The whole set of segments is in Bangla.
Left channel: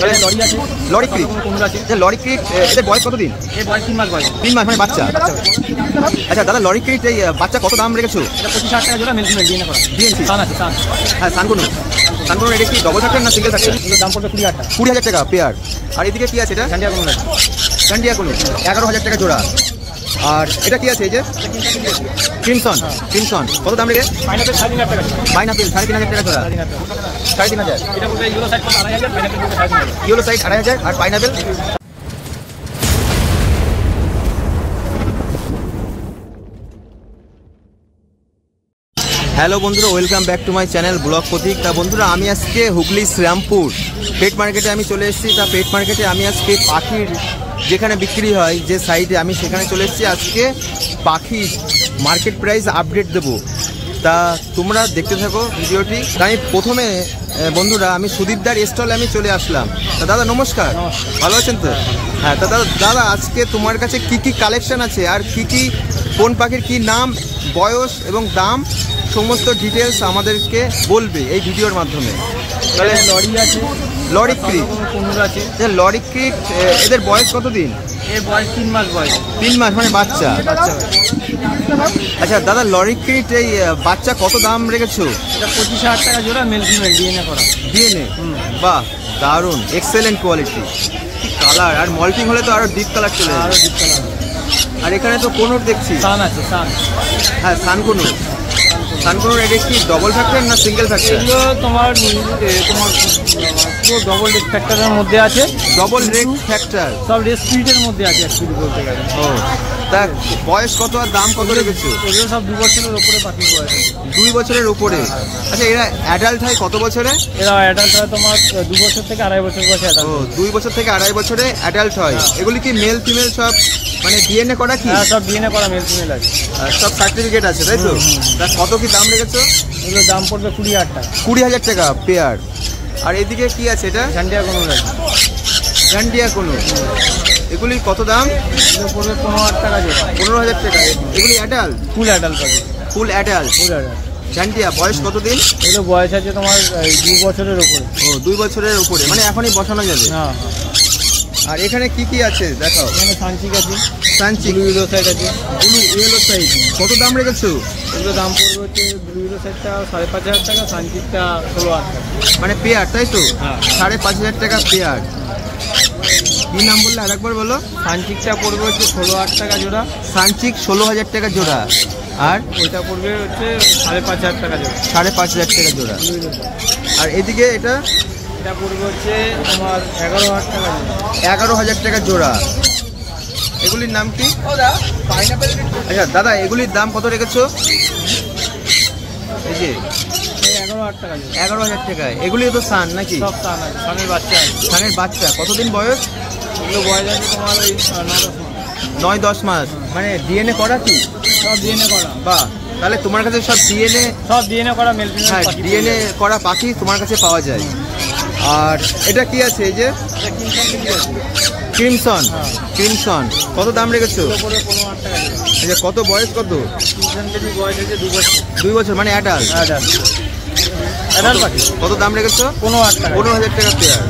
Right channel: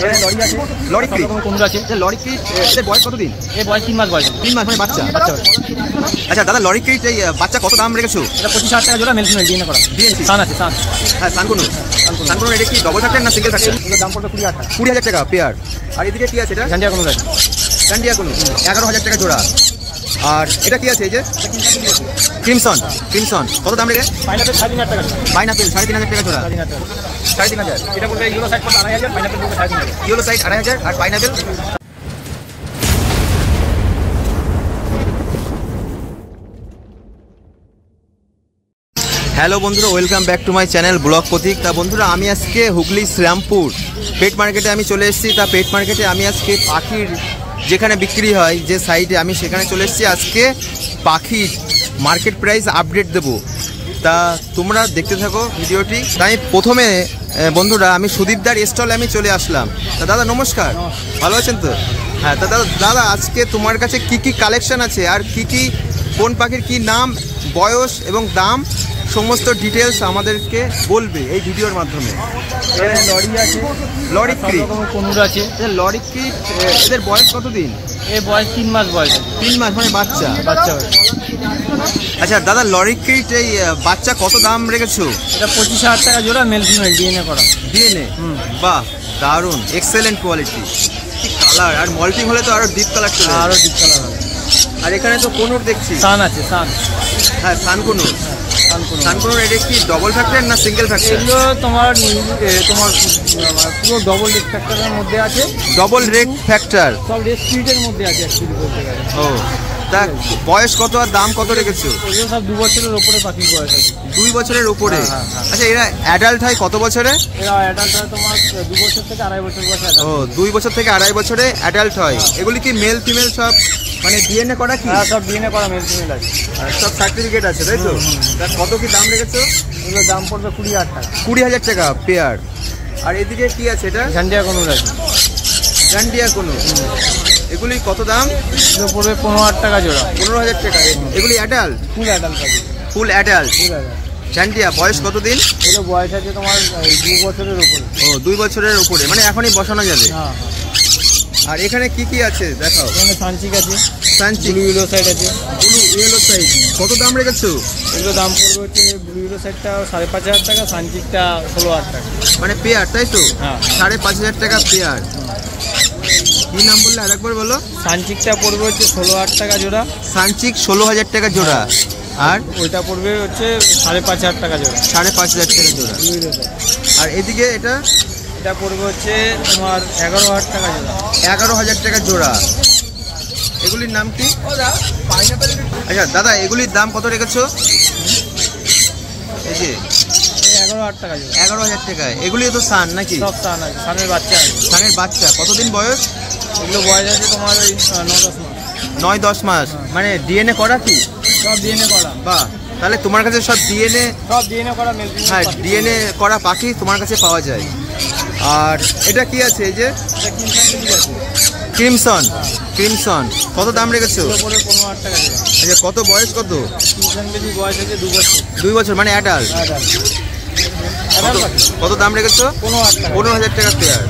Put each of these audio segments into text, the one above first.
লরি আছে, লরি ক্রিট, কুমির আছে। লরি ক্রিট এদের বয়স কতদিন? এর বয়স 3 মাস বয়স। 3 মাস মানে বাচ্চা। আচ্ছা দাদা, লরি ক্রিট এই বাচ্চা কত দাম রেখেছো? এটা 25,000 টাকা জোড়া, মেল ফিমেল ডিএনএ করা। ডিএনপি সান আছে, সান। হ্যাঁ, সানকুনু। সানকুনু এটা কি ডবল ফ্যাক্টর না সিঙ্গেল ফ্যাক্টর? এর দাম পড়বে 20,000 টাকা। 20,000 টাকা পেয়ার। আর এদিকে কি আছে এটা? ঝান্ডিয়া কোনো আছে। সান্ডিয়া কোনো 11,000 টাকা জোড়া। আর এটা কি আছে এই যে ক্রিমসন? ক্রিমসন কত দাম রেখে? পাইনাপেল 3,500 টাকা। পাইনাপেল 3,500 টাকা জোড়া। 3,500। 3,500। এটা পড়বে ইউরো সাইড পড়বে 2,500, পাইনাপেল পড়বে 3,500। ইয়েলো সাইড 2,500 আর পাইনাপেল। হ্যালো বন্ধুরা, welcome back to my channel blog Prateek. তা বন্ধুরা, আমি আজকে হুগলি শ্রীরামপুর পেট মার্কেটে আমি চলে এসেছি। তা পেট মার্কেটে আমি আজকে পাখির যেখানে বিক্রি হয় যে সাইডে, আমি সেখানে চলে এসেছি। আজকে পাখির মার্কেট প্রাইস আপডেট দেবো। তা তোমরা দেখতে থাকো ভিডিওটি। তাই প্রথমে বন্ধুরা আমি সুদীপদার স্টলে আমি চলে আসলাম। তা দাদা নমস্কার, ভালো আছেন তো? হ্যাঁ, তা দাদা আজকে তোমার কাছে কি কি কালেকশন আছে, আর কি কি কোন পাখির কি নাম, বয়স এবং দাম, সমস্ত ডিটেলস আমাদেরকে বলবে এই ভিডিওর মাধ্যমে। লরি আছে, লরি ক্রিট, কুমির আছে। লরি ক্রিট এদের বয়স কতদিন? এর বয়স 3 মাস বয়স। 3 মাস মানে বাচ্চা। আচ্ছা দাদা, লরি ক্রিট এই বাচ্চা কত দাম রেখেছো? এটা 25,000 টাকা জোড়া, মেল ফিমেল ডিএনএ করা। ডিএনএ, বাহ দারুণ, এক্সেলেন্ট কোয়ালিটি। কি কালার, আর মল্টিং হলে তো আরো ডিপ কালার চলে আরো যাবে। ডিপ কালার হবে। আর এখানে তো কোনুর দেখছি। সান আছে, সান। হ্যাঁ, সানকুনুর। সানকুনুর এটা কি ডবল ফ্যাক্টর না সিঙ্গেল ফ্যাক্টর? এগুলো তোমার পুরো ডবল রেড ফ্যাক্টরের মধ্যে আছে। ডবল রেড ফ্যাক্টর, সব রেড স্পিরিটের মধ্যে আছে অ্যাকচুয়ালি বলতে গেলে। ও তা বয়স কত আর দাম কত রেখেছো? এগুলো সব 2 বছরের উপরে পাখি বয়স আছে। 2 বছরের উপরে। আচ্ছা এরা অ্যাডাল্ট হয় কত বছরে? এরা অ্যাডাল্ট হয় তোমার 2 বছর থেকে 2.5 বছর বয়সে। ও 2 বছর থেকে 2.5 বছরে অ্যাডাল্ট হয়। এগুলি কি মেল ফিমেল সব মানে ডিএনএ করা কি? হ্যাঁ, সব ডিএনএ করা মেল ফিমেল আছে। আর সব সার্টিফিকেট আছে তাই তো? তা কত কি দাম রেখেছো? এগুলো দাম পড়বে 20,000 টাকা। 20,000 টাকা পেয়ার। আর এদিকে কি আছে এটা? ঝান্ডিয়া কোনো আছে। ঝান্ডিয়া কোনো, এগুলি কত দাম? এগুলো পড়বে 15,000 টাকা জোড়া। 15,000 টাকা। এগুলি অ্যাডাল্ট? ফুল অ্যাডাল্ট পাখি। Full adult. Full adult. ঝান্ডিয়া বয়স কতদিন? এগুলো বয়স আছে তোমার 2 বছরের উপরে। ও 2 বছরের উপরে, মানে এখনই বসানো যাবে। হ্যাঁ। আর এখানে কি কি আছে দেখাও। এখানে সানচিক আছে, সানচিক, ব্লু ইয়েলো সাইড আছে। ব্লু ইয়েলো সাইড কত দাম রেখেছো? এগুলো দাম পড়বে হচ্ছে ব্লু ইয়েলো সাইডটা 5,500 টাকা, সানচিকটা 16,000 টাকা। মানে পেয়ার তাই তো? হ্যাঁ। 5,500 টাকা পেয়ার। কি নাম বললে আরেকবার বলো? সানচিকটা পড়বে হচ্ছে 16,000 টাকা জোড়া। সানচিক 16,000 টাকা জোড়া। আর ওইটা পড়বে হচ্ছে 5,500 টাকা জোড়া। 5,500 টাকা জোড়া। আর এদিকে এটা পড়বে হচ্ছে তোমার 11,000 টাকা জোড়া। 11,000 টাকা জোড়া। এগুলির নাম কি? আচ্ছা দাদা, এগুলির দাম কত রেখেছো? এই যে 11,000 টাকা জোড়া। 11,000 টাকা। এগুলি তো সান নাকি? সব সান আছে, সানের বাচ্চা আছে। সানের বাচ্চা কতদিন বয়স? এগুলো বয়স আছে তোমার 9-10 মাস। মানে ডিএনএ করা কি? সব ডিএনএ করা। বাহ, তাহলে তোমার কাছে সব ডিএনএ? সব ডিএনএ করা মেল ফিমেল। হ্যাঁ, ডিএনএ করা পাখি তোমার কাছে পাওয়া যায়। আর এটা কি আছে এই যে ক্রিমসন? ক্রিমসন কত দাম রেখেছো? 15,000 টাকা। আচ্ছা কত বয়স কত? কেজি বয়স আছে 2 বছর। 2 বছর মানে অ্যাডাল্ট। অ্যাডাল্ট পাখি। কত দাম রেখেছো? 15,000 টাকা। 15,000 টাকা পেয়ার।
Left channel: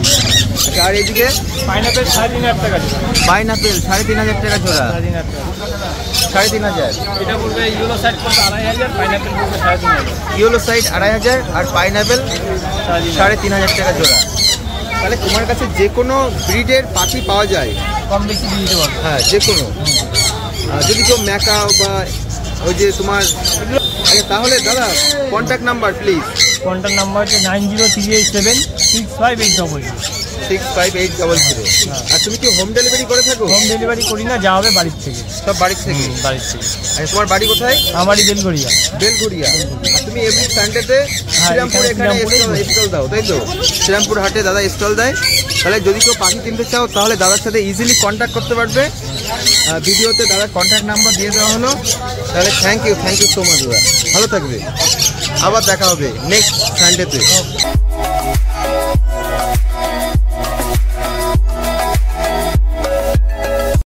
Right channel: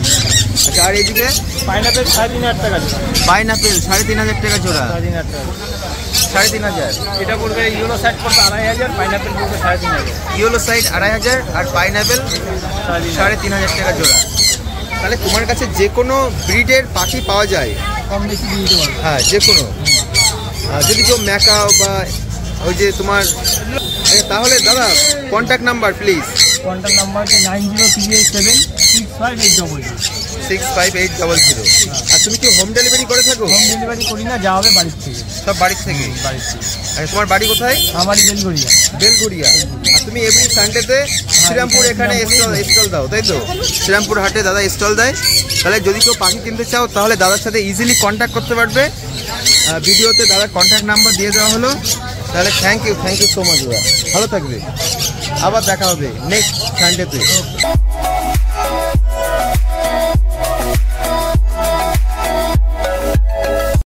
আচ্ছা আর এইদিকে পাইনাপেল 3,500 টাকা জোড়া। পাইনাপেল 3,500 টাকা জোড়া। 3,500 টাকা। 3,500। এটা পড়বে ইয়েলো সাইড পড়বে 2,500, পাইনাপেল পড়বে 3,500। ইয়েলো সাইড 2,500 আর পাইনাপেল 3,500 টাকা জোড়া। তাহলে তোমার কাছে যে কোনো ব্রিডের পাখি পাওয়া যায়? কম বেশি দিয়ে দিতে পারবে। হ্যাঁ, যে কোনো। যদি কেউ ম্যাকাও বা ওই যে তোমার। আচ্ছা তাহলে দাদা contact number please. Contact number হচ্ছে 9038765800। 65800। আর তুমি কি হোম ডেলিভারি করে থাকো? হোম ডেলিভারি করি না, যা হবে বাড়ির থেকে। সব বাড়ির থেকে? বাড়ির থেকে। আচ্ছা তোমার বাড়ি কোথায়? আমারই বেলগড়িয়া। বেলঘড়িয়া। আর তুমি এভরি সানডেতে শ্রীরামপুর এখানে স্টল দাও তাই তো? শ্রীরামপুর হাটে দাদা স্টল দেয়। তাহলে যদি কেউ পাখি কিনতে চাও তাহলে দাদার সাথে ইজিলি কন্ট্যাক্ট করতে পারবে। ভিডিওতে দাদার কন্ট্যাক্ট নাম্বার দিয়ে দেওয়া হলো। তাহলে থ্যাংক ইউ সো মাচ দাদা, ভালো থাকবে। আবার দেখা হবে নেক্সট সানডেতে।